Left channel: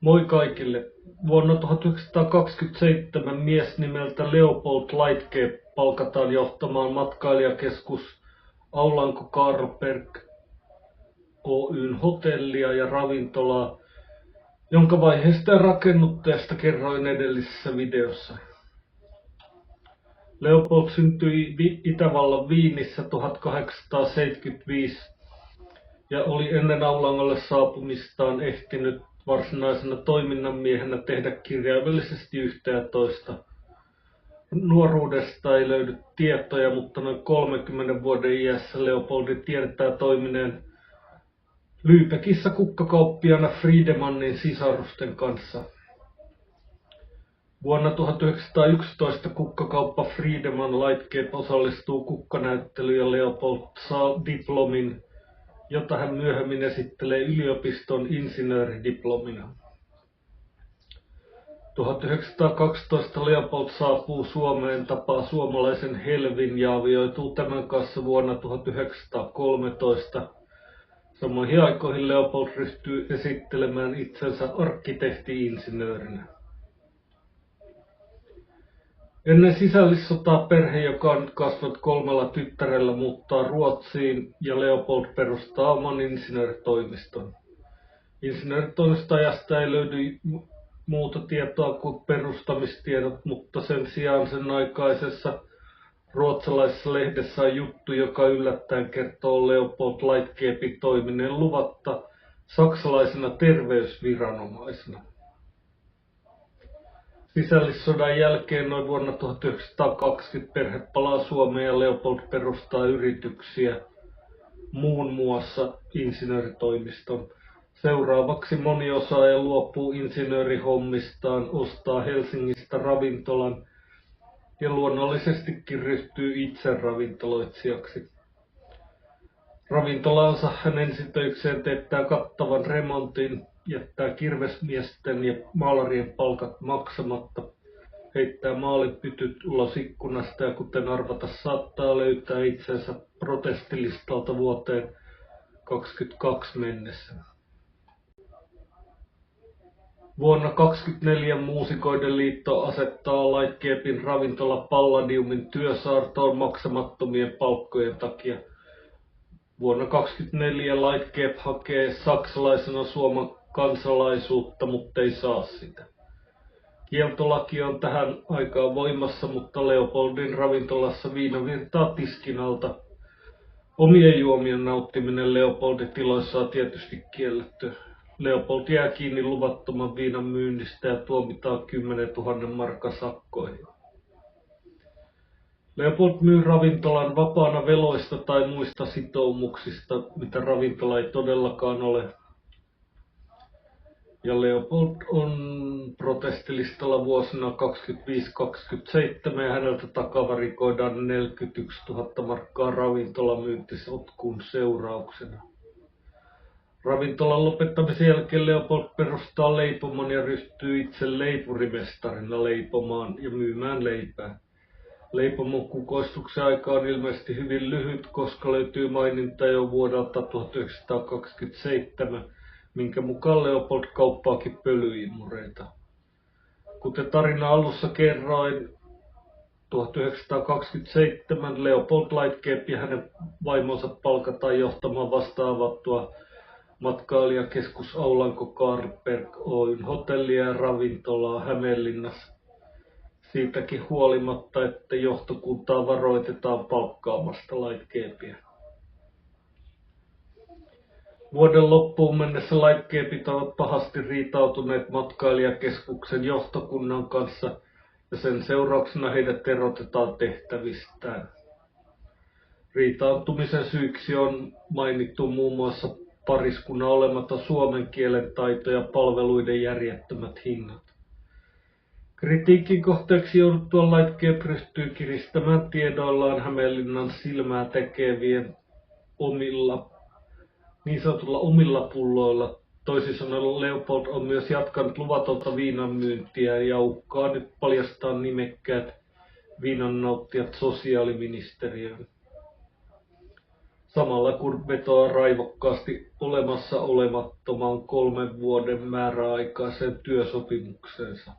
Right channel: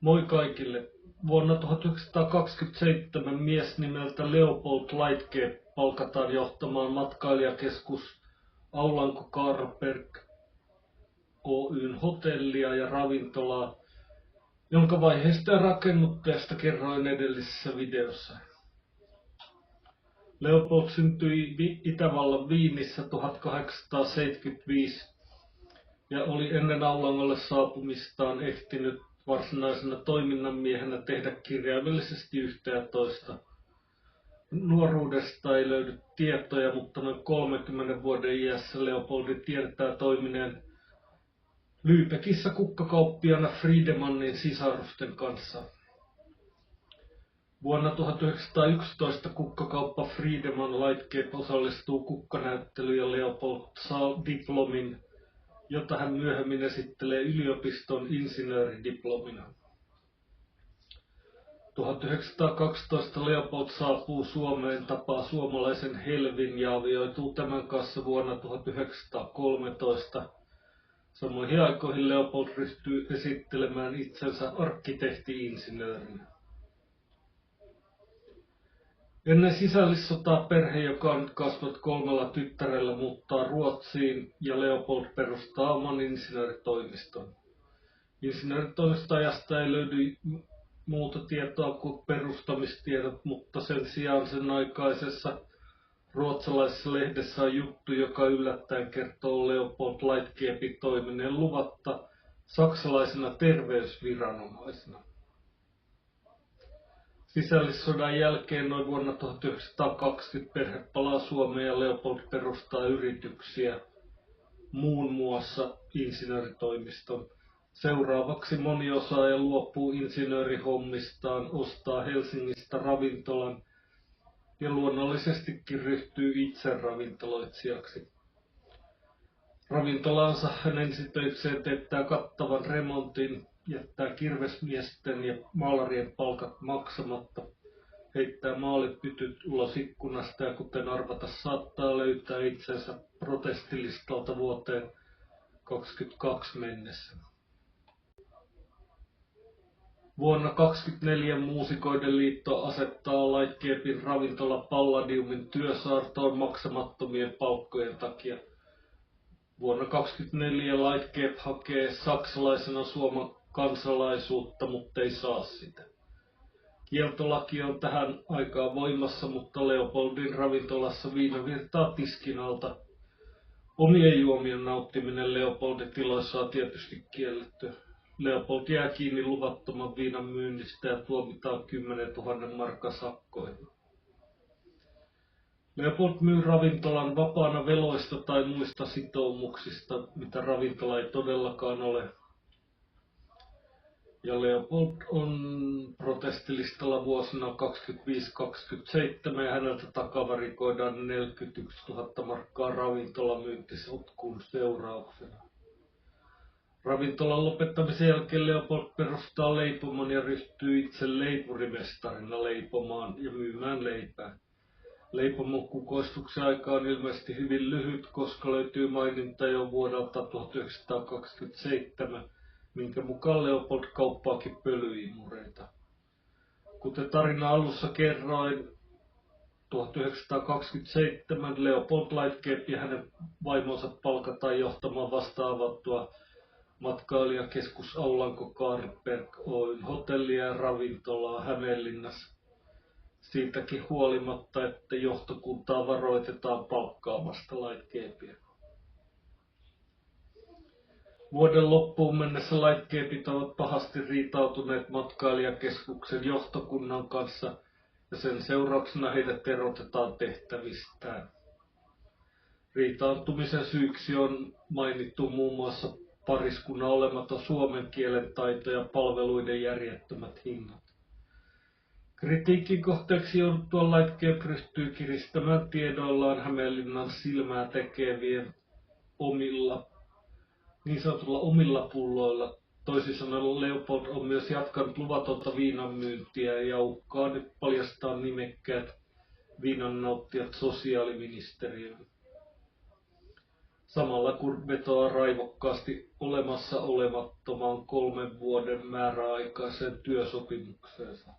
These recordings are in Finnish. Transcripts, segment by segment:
Moi kaikille! Vuonna 1927 mies nimeltä Leopold Lightcape palkataan johtamaan matkailijakeskus Aulanko Karlberg Oyn hotellia ja ravintolaa, jonka vaiheesta ja rakennuttajasta kerroin edellisessä videossa. Leopold syntyi Itävallan Wienissä 1875 ja oli ennen Aulangolle saapumistaan ehtinyt varsinaisena toiminnanmiehenä tehdä kirjaimellisesti yhtä ja toista. Nuoruudesta ei löydy tietoja, mutta noin 30 vuoden iässä Leopoldi tiedetään toimineen Lübeckissä kukkakauppiaana Friedemannin sisarusten kanssa. Vuonna 1911 kukkakauppa Friedemann Lightcape osallistuu kukkanäyttelyyn ja Leopold saa diplomin, jota hän myöhemmin esittelee yliopiston insinööridiplomina. 1912 Leopold saapuu Suomeen, tapaa suomalaisen Helvin ja avioituu tämän kanssa vuonna 1913. Samoihin aikoihin Leopold ryhtyy esittelemään itsensä arkkitehti-insinöörinä. Ennen sisällissotaa perhe, joka on nyt kasvanut 3 tyttärellä, muuttaa Ruotsiin ja Leopold perustaa oman insinööritoimiston. Insinööritoimiston ajasta ei löydy muuta tietoa kuin perustamistiedot, mutta sen sijaan sen aikaisessa ruotsalaisessa lehdessä on juttu, joka yllättäen kertoo Leopold Lightcapen toimineen luvatta saksalaisena terveysviranomaisena. Sisällissodan jälkeen noin vuonna 1920 perhe palaa Suomeen ja Leopold perustaa yrityksiä, muun muassa insinööritoimiston. Seuraavaksi moni osaaja luopuu insinöörihommistaan, ostaa Helsingistä ravintolan ja luonnollisestikin ryhtyy itse ravintoloitsijaksi. Ravintolaansa hän ensitöikseen teettää kattavan remontin, jättää kirvesmiesten ja maalarien palkat maksamatta, heittää maalipytyt ulos ikkunasta ja kuten arvata saattaa löytää itsensä protestilistalta vuoteen 1922 mennessä. Vuonna 1924 Muusikoiden liitto asettaa Lightcapen ravintola Palladiumin työsaartoon maksamattomien palkkojen takia. Vuonna 1924 Lightcape hakee saksalaisena Suomen kansalaisuutta, mutta ei saa sitä. Kieltolaki on tähän aikaan voimassa, mutta Leopoldin ravintolassa viina virtaa tiskin alta. Omien juomien nauttiminen Leopoldin tiloissa on tietysti kielletty. Leopold jää kiinni luvattoman viinan myynnistä ja tuomitaan 10 000 markan sakkoihin. Leopold myy ravintolan vapaana veloista tai muista sitoumuksista, mitä ravintola ei todellakaan ole. Ja Leopold on protestilistalla vuosina 25-27 ja häneltä takavarikoidaan 41 000 markkaa ravintolamyyntisotkun seurauksena. Ravintolan lopettamisen jälkeen Leopold perustaa leipomon ja ryhtyy itse leipurimestarina leipomaan ja myymään leipää. Leipomon kukoistuksen aika on ilmeisesti hyvin lyhyt, koska löytyy maininta jo vuodelta 1927, minkä mukaan Leopold kauppaakin pölyimureita. Kuten tarina alussa kerroin, 1927 Leopold Lightcape ja hänen vaimonsa palkataan johtamaan vasta avattua matkailijakeskus Aulanko Karlberg Oyn hotellia ja ravintolaa Hämeenlinnassa. Siitäkin huolimatta, että johtokuntaa varoitetaan palkkaamasta Lightcapea. Vuoden loppuun mennessä Lightcapet ovat pahasti riitautuneet matkailijakeskuksen johtokunnan kanssa ja sen seurauksena heidät erotetaan tehtävistään. Riitautumisen syyksi on mainittu muun muassa pariskunnan olematon suomen kielen taito ja palveluiden järjettömät hinnat. Kritiikin kohteeksi jouduttua Lightcape ryhtyy kiristämään tiedoillaan Hämeenlinnan silmää tekevien niin sanotulla omilla pulloilla. Toisin sanoen Leopold on myös jatkanut luvatonta viinanmyyntiä ja uhkaa nyt paljastaa nimekkäät viinannauttijat sosiaaliministeriöön. samalla kun vetoaa raivokkaasti olemassa olemattomaan 3 vuoden määräaikaiseen työsopimukseensa.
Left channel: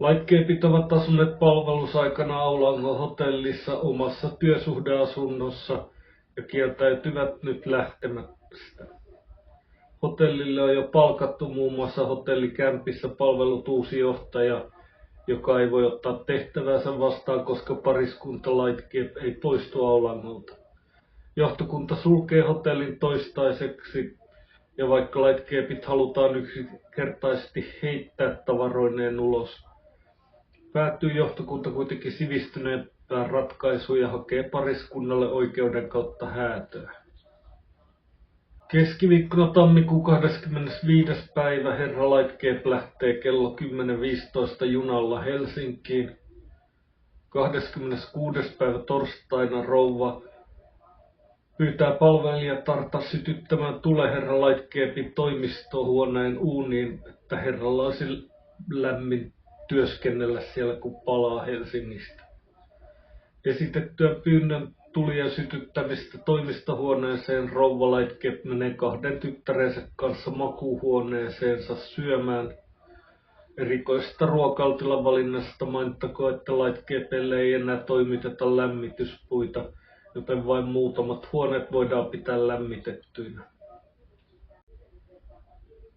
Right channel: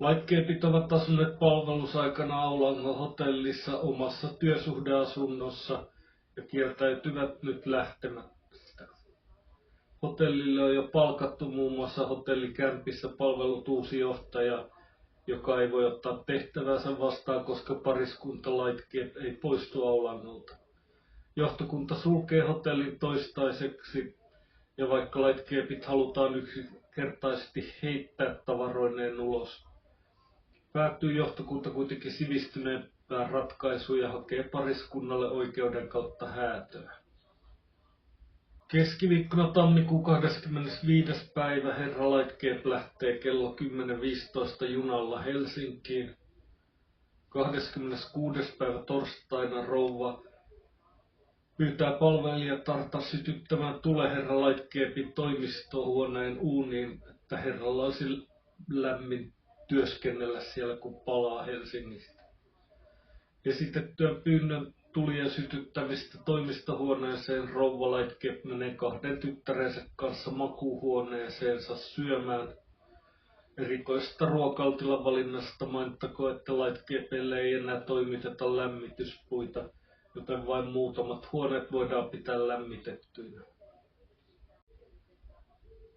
Lightcapeit ovat asuneet palvelusaikana Aulangon hotellissa omassa työsuhdeasunnossa ja kieltäytyvät nyt lähtemästä. Hotellille on jo palkattu muun muassa hotellikämpissä palvelut uusi johtaja, joka ei voi ottaa tehtävänsä vastaan, koska pariskunta Lightcape ei poistu Aulangolta. Johtokunta sulkee hotellin toistaiseksi, ja vaikka Lightcapeit halutaan yksinkertaisesti heittää tavaroineen ulos, päätyy johtokunta kuitenkin sivistyneempään ratkaisuun ja hakee pariskunnalle oikeuden kautta häätöä. Keskiviikkona tammikuun 25. päivä herra Lightcape lähtee kello 10.15 junalla Helsinkiin. 26. päivä torstaina rouva pyytää palvelijatarta sytyttämään tule herra Lightcapein toimistohuoneen uuniin, että herralla olisi lämmin työskennellä siellä, kun palaa Helsingistä. Esitettyä pyynnön tulien sytyttämistä toimistohuoneeseen rouva Lightcape menee 2 tyttärensä kanssa makuuhuoneeseensa syömään. Erikoisesta ruokailutilan valinnasta mainittakoon, että Lightcapeille ei enää toimiteta lämmityspuita, joten vain muutamat huoneet voidaan pitää lämmitettyinä.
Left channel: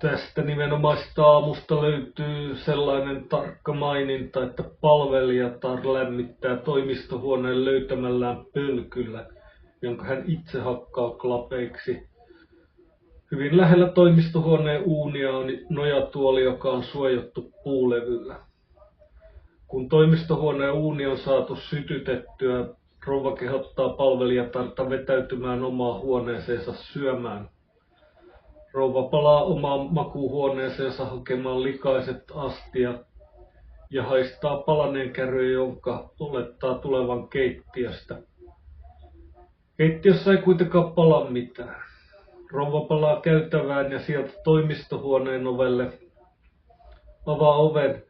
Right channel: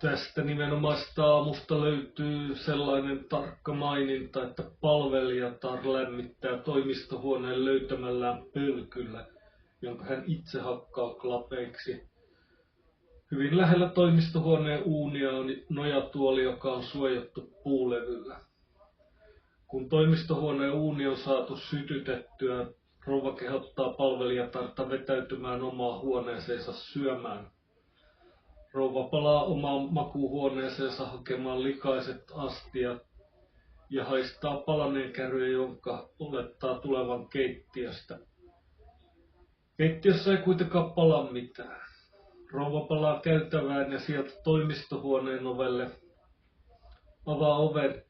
Tästä nimenomaisesta aamusta löytyy sellainen tarkka maininta, että palvelijatar lämmittää toimistohuoneen löytämällään pölkyllä, jonka hän itse hakkaa klapeiksi. Hyvin lähellä toimistohuoneen uunia on nojatuoli, joka on suojattu puulevyllä. Kun toimistohuoneen uuni on saatu sytytettyä, rouva kehottaa palvelijatarta vetäytymään omaan huoneeseensa syömään. Rouva palaa omaan makuuhuoneeseensa hakemaan likaiset astiat ja haistaa palaneen kärryn, jonka olettaa tulevan keittiöstä. Keittiössä ei kuitenkaan pala mitään. Rouva palaa käytävään ja sieltä toimistohuoneen ovelle avaa oven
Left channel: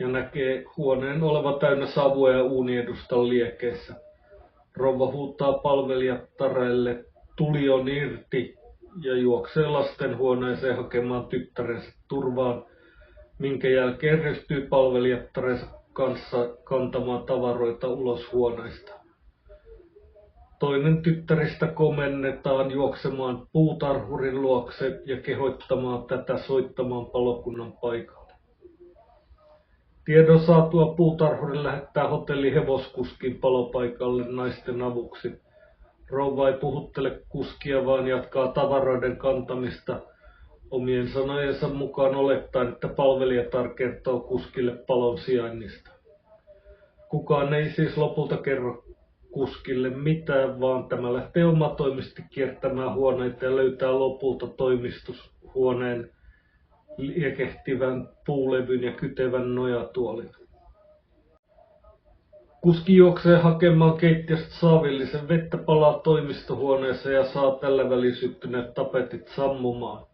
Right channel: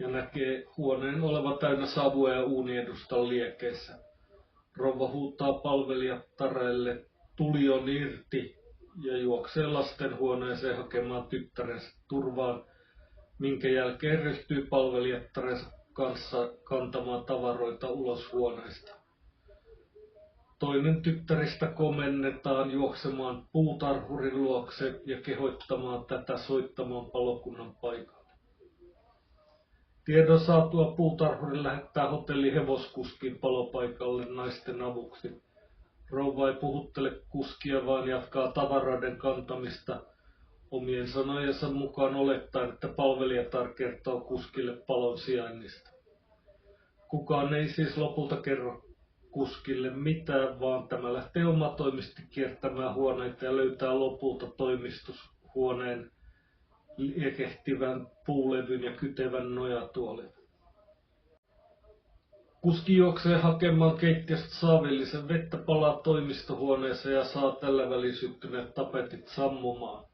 ja näkee huoneen oleva täynnä savua ja uuniedustan liekeissä. Rouva huutaa palvelijattareille, tuli on irti, ja juoksee lastenhuoneeseen hakemaan tyttärensä turvaan, minkä jälkeen ryhtyy palvelijattarensa kanssa kantamaan tavaroita ulos huoneesta. Toinen tyttäristä komennetaan juoksemaan puutarhurin luokse ja kehoittamaan tätä soittamaan palokunnan paikalle. Tiedon saatua puutarhuri lähettää hotellin hevoskuskin palopaikalle naisten avuksi. Rouva ei puhuttele kuskia, vaan jatkaa tavaroiden kantamista omien sanojensa mukaan olettaen, että palvelijatar kertoo kuskille palon sijainnista. Kukaan ei siis lopulta kerro kuskille mitään, vaan tämä lähtee omatoimisesti kiertämään huoneita ja löytää lopulta toimistushuoneen liekehtivän puulevyn ja kytevän nojatuolin. Kuski juoksee hakemaan keittiöstä saavillisen vettä, palaa toimistohuoneeseen ja saa tällä välin syttyneet tapetit sammumaan.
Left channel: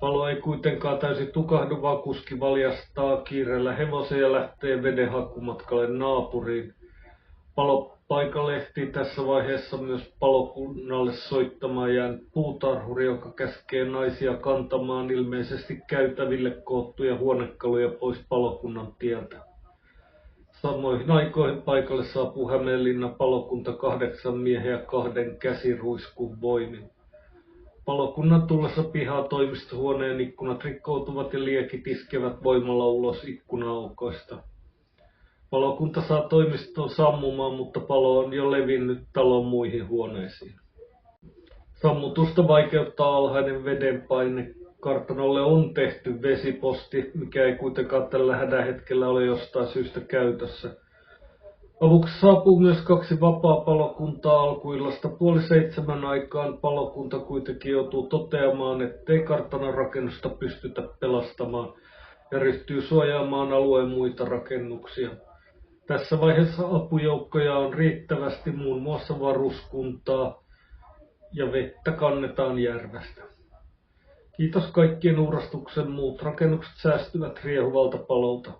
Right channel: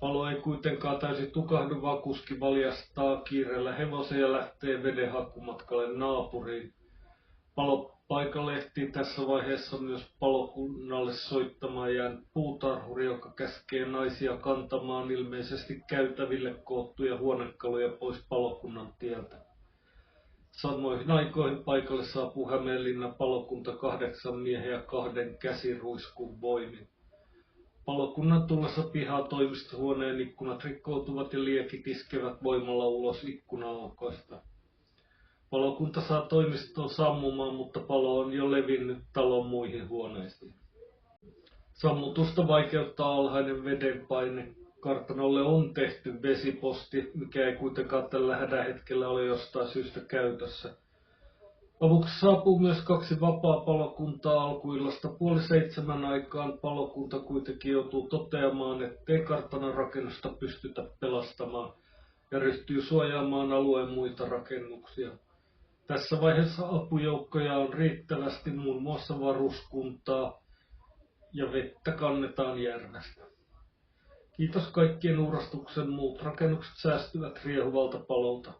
Palo ei kuitenkaan täysin tukahdu, vaan kuski valjastaa kiireellä hevosen ja lähtee veden hakumatkalle naapuriin. Palopaikalle ehtii tässä vaiheessa myös palokunnalle soittamaan jäänyt puutarhuri, joka käskee naisia kantamaan ilmeisesti käytäville koottuja huonekaluja pois palokunnan tieltä. Samoihin aikoihin paikalle saapuu Hämeenlinnan palokunta 8 miehen ja 2 käsiruiskun voimin. Palokunnan tullessa pihaa toimistohuoneen ikkunat rikkoutuvat ja liekit iskevät voimalla ulos ikkuna-aukoista. Palokunta saa toimiston sammumaan, mutta palo on jo levinnyt talon muihin huoneisiin. Sammutusta vaikeuttaa alhainen vedenpaine. Kartanolle on tehty vesiposti, mikä ei kuitenkaan tällä hädänhetkellä ole jostain syystä käytössä. Avuksi saapuu myös 2 vapaa-palokuntaa alkuillasta 6:30 aikaan. Palokunta kuitenkin joutuu toteamaan, ettei kartanon rakennusta pystytä pelastamaan ja ryhtyy suojaamaan alueen muita rakennuksia. Tässä vaiheessa apujoukkoja on riittävästi, muun muassa varuskuntaa, ja vettä kannetaan järvestä. Kiitos kaikkien uurastuksen, muut rakennukset säästyvät riehuvalta palolta.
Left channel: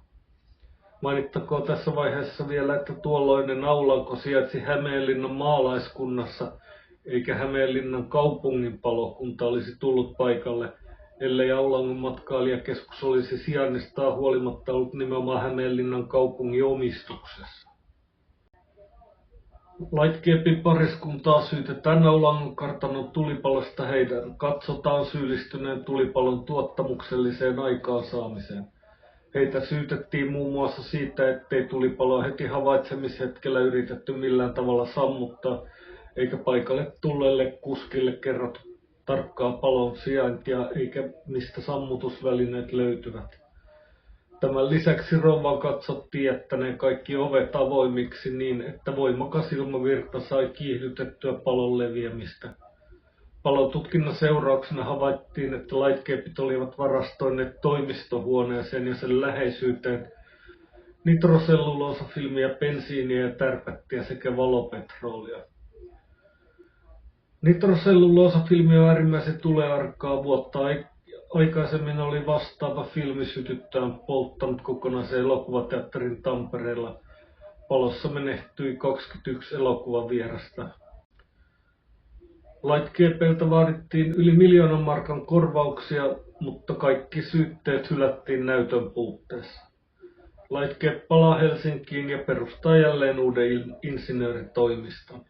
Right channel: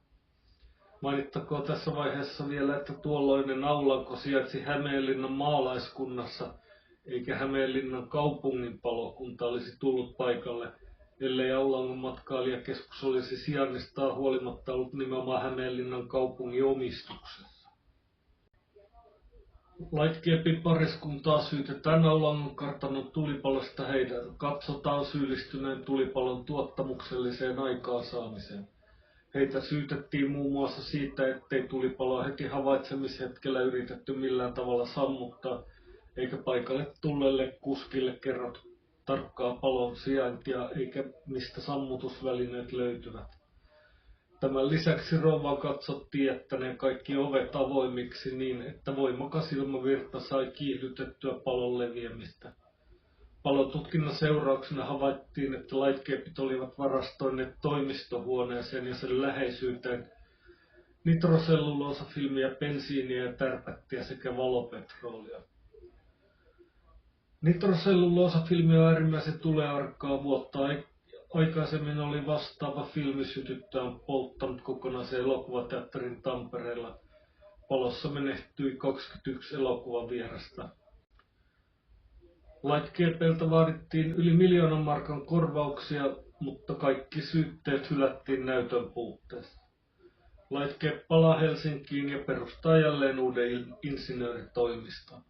Mainittakoon tässä vaiheessa vielä, että tuolloinen Aulanko sijaitsi Hämeenlinnan maalaiskunnassa, eikä Hämeenlinnan kaupungin palokunta olisi tullut paikalle, ellei Aulangon matkailijakeskus olisi sijainnistaan huolimatta ollut nimenomaan Hämeenlinnan kaupungin omistuksessa. Lightcapin pariskuntaa syytetään Aulangon kartanon tulipalosta heidän katsotaan syyllistyneen tulipalon tuottamukselliseen aikaansaamiseen. Heitä syytettiin muun muassa siitä, ettei tulipaloa heti havaitsemishetkellä yritetty millään tavalla sammuttaa, eikä paikalle tulleelle kuskille kerrottu tarkkaa palon sijaintia eikä mistä sammutusvälineet löytyvät. Tämän lisäksi rouvan katsottiin jättäneen kaikki ovet avoimiksi niin, että voimakas ilmavirta sai kiihdytettyä palon leviämistä. Palotutkinnan seurauksena havaittiin, että Lightcapit olivat varastoineet toimistohuoneeseen ja sen läheisyyteen nitroselluloosafilmiä, bensiiniä ja tärpättiä sekä valopetroolia. Nitroselluloosafilmi on äärimmäisen tulearkkaa vuotta. Aikaisemmin oli vastaava filmi sytyttään polttanut kokonaisen elokuvateatterin Tampereella. Palossa menehtyi 21 elokuvavierasta. Lightcapelta vaadittiin yli 1 000 000 markan korvauksia, mutta kaikki syytteet hylättiin näytön puutteessa. Lightcape palaa Helsinkiin ja perustaa jälleen uuden insinööritoimiston.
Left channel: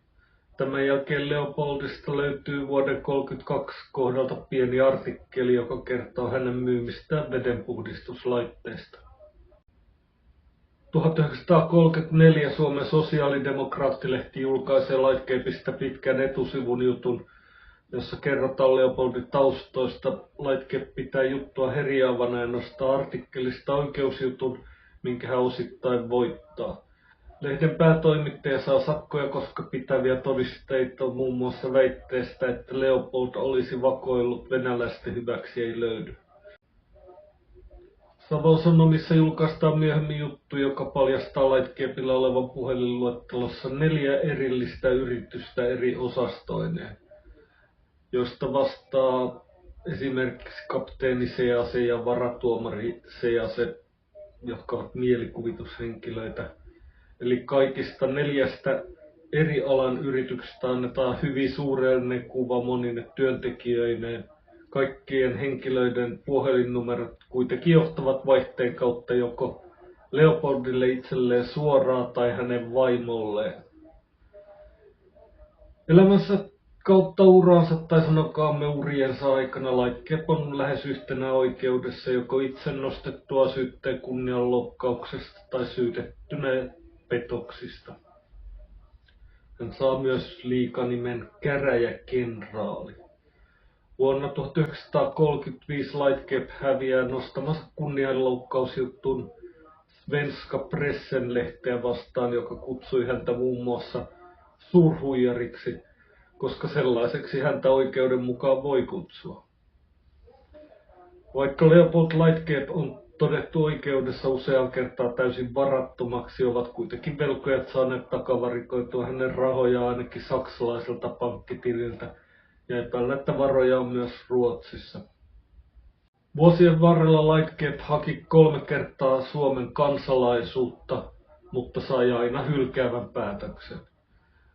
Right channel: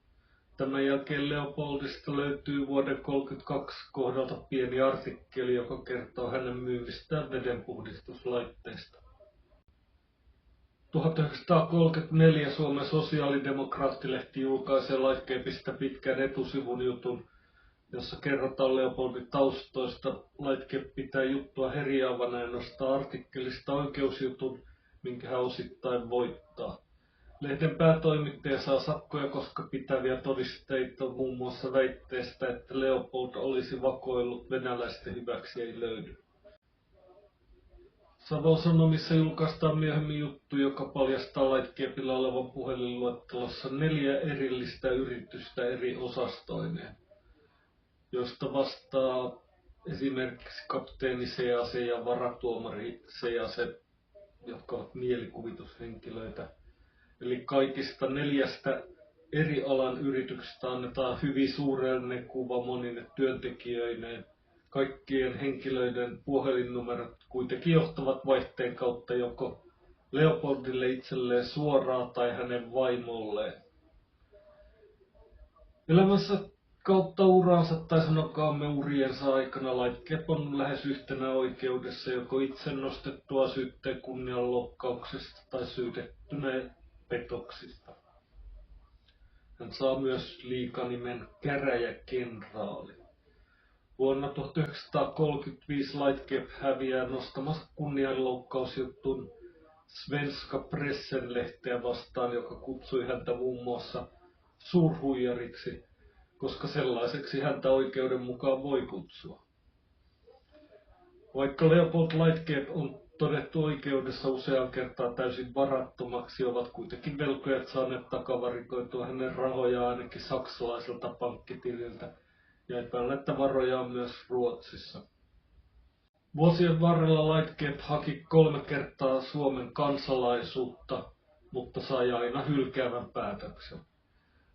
Tämän jälkeen Leopoldista löytyy vuoden 1932 kohdalta pieni artikkeli, joka kertoo hänen myymistään vedenpuhdistuslaitteista. 1934 Suomen sosiaalidemokraattilehti julkaisee Lightcapeista pitkän etusivun jutun, jossa kerrotaan Leopoldin taustoista. Lightcape pitää juttua herjaavana ja nostaa artikkelista oikeusjutun, minkä hän osittain voittaa. Lehden päätoimittaja saa sakkoja, koska pitäviä todisteita muun muassa väitteestä, että Leopold olisi vakoillut venäläisten hyväksi ei löydy. Savon Sanomissa julkaistaan myöhemmin juttu, joka paljastaa Lightcapella olevan puhelinluettelossa 4 erillistä yritystä eri osastoineen, joista vastaa esimerkiksi kapteeni Sease ja varatuomari Sease, jotka ovat mielikuvitushenkilöitä. Eli kaikista 4 eri alan yrityksestä annetaan hyvin suurellinen kuva monine työntekijöineen. Kaikkien henkilöiden puhelinnumerot kuitenkin johtavat vaihteen kautta joko Leopoldille itselleen suoraan tai hänen vaimolleen. Elämänsä kautta uransa tai sanokaamme uriensa aikana Lightcape on lähes yhtenä oikeudessa joko itse nostettua syytteen kunnianloukkauksesta tai syytettynä petoksista. Hän saa myös liikanimen käräjäkenraali. Vuonna 1935 Lightcape häviää nostamansa kunnianloukkausjutun Svenska Pressen-lehteä vastaan, joka kutsui häntä muun muassa suurhuijariksi, koska sellaiseksi häntä oikeuden mukaan voi kutsua. Vaikka Leopold Lightcape on todettu oikeudessa usean kertaa täysin varattomaksi, ovat kuitenkin velkojat saaneet takavarikoitua hänen rahojaan ainakin saksalaiselta pankkitililtä, ja epäillä, että varoja on myös Ruotsissa. Vuosien varrella Lightcape haki 3 kertaa Suomen kansalaisuutta, mutta sai aina hylkäävän päätöksen.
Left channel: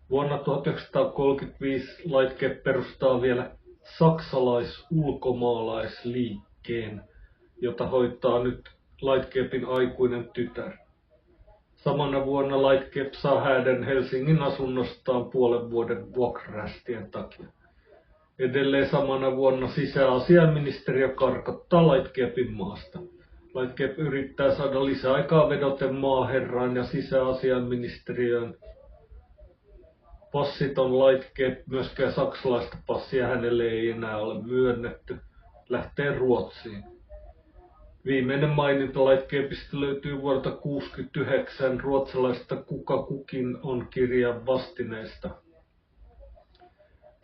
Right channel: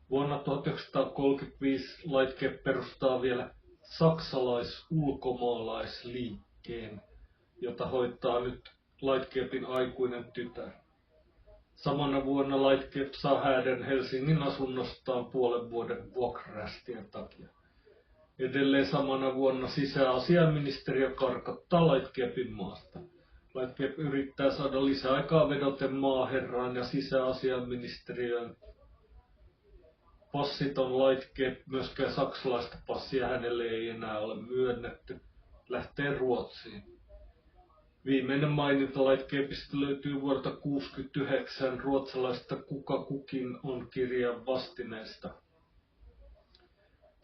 Vuonna 1935 Lightcape perustaa vielä saksalais-ulkomaalaisliikkeen, jota hoitaa nyt Lightcapen aikuinen tytär. Samana vuonna Lightcape saa häädön Helsingin asunnostaan puolen vuoden vuokrarästien takia. Edelleen samana vuonna sisäasiainministeriö karkottaa Lightcapen maasta. Lightcape yrittää saada lisäaikaa vedoten maaherraan ja sisäasiainministeriöön. Passiton Lightcape, myöskään saksalaista passia hänelle ei enää ole myönnetty, lähtee Ruotsiin. Viimeinen maininta Lightcapeista löytyy vuodelta 1969 ruotsalaista Kuka kukin on -kirjan vastineesta.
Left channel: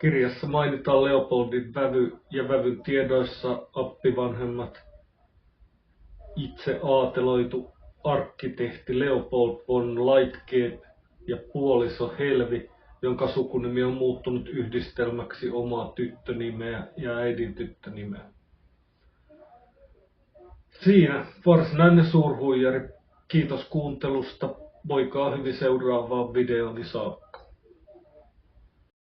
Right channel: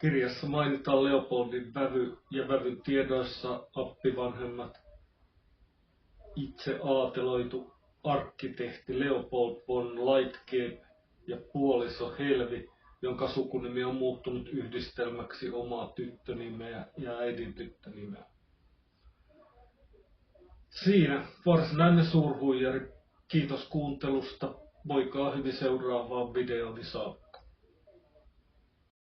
Kirjassa mainitaan Leopoldin vävy ja vävyn tiedoissa appivanhemmat itse aateloitu arkkitehti Leopold von Lightcape ja puoliso Helvi, jonka sukunimi on muuttunut yhdistelmäksi omaa tyttönimeä ja äidin tyttönimeä. Siinä varsinainen suurhuijari Kiitos kuuntelusta. Voikaa hyvin seuraavaan videoon, niin saa